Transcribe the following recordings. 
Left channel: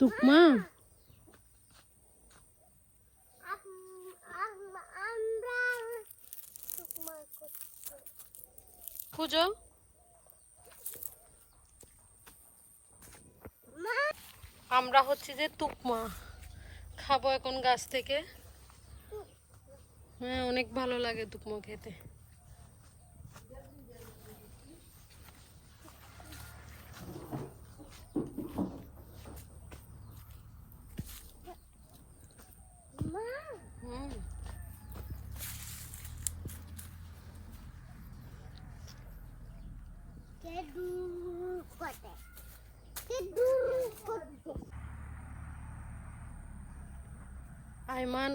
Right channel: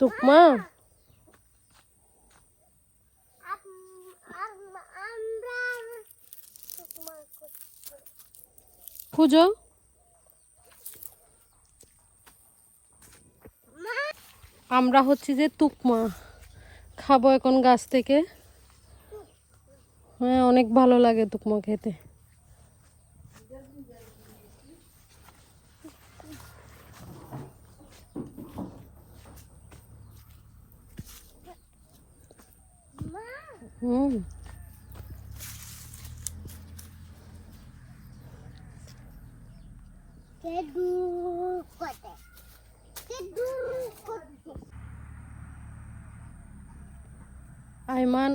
টুকমা খুঁজো। আমরা হচ্ছে যে টুকমা খাবো এখন গাছ থেকে। হ্যাঁ, অনেক ভালো লাগে টুকমা খেতে। হুম, আইমান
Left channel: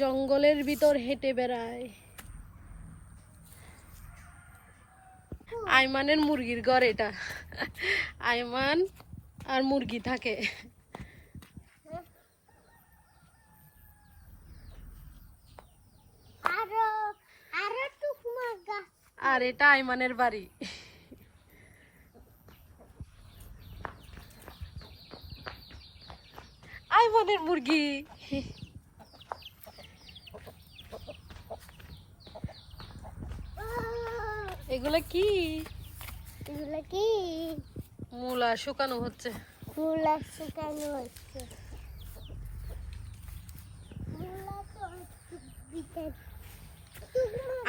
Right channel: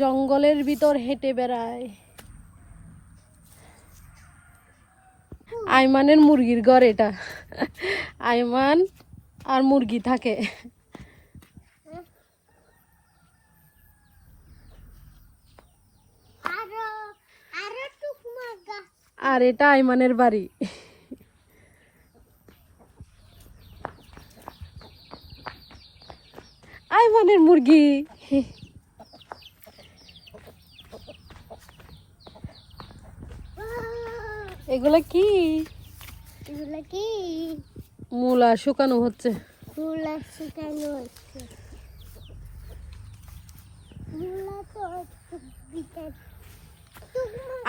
জঙ্গলের ভিতর হেঁটে বেড়ায়। আইমানের মুরগির ঘর এটা। আইমান আর মুরগি থাকে। আর এটা আইমানের বাড়ি। আইমানের মুরগি। এগুলা কি? মূলা শুকানো হচ্ছে।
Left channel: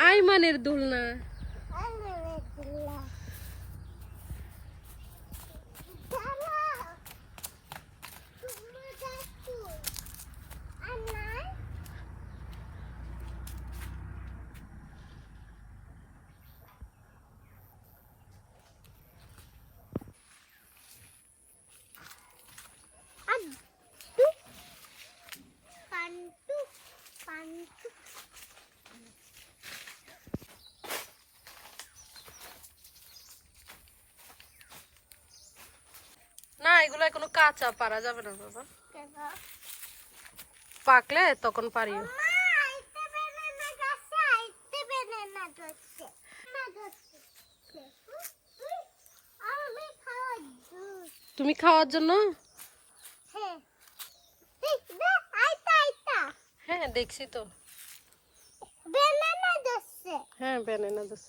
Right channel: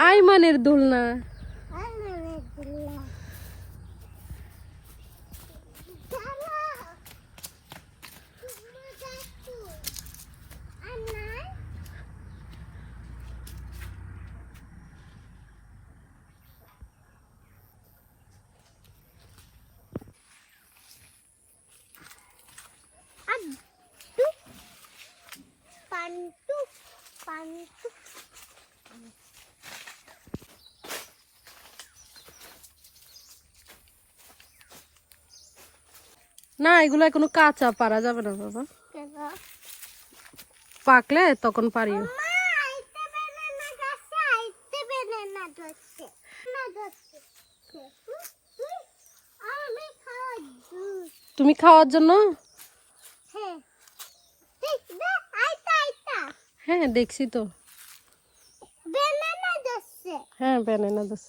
আইমানের দোলনা। না, এগুলো এখনো কাঁচা, পারা যাবে না বাবা। পাকলে তখন পারিও। তুমি খাওয়ার জন্য? হ্যাঁ, দেখছি তো। হ্যাঁ, ব্যানানা দোস।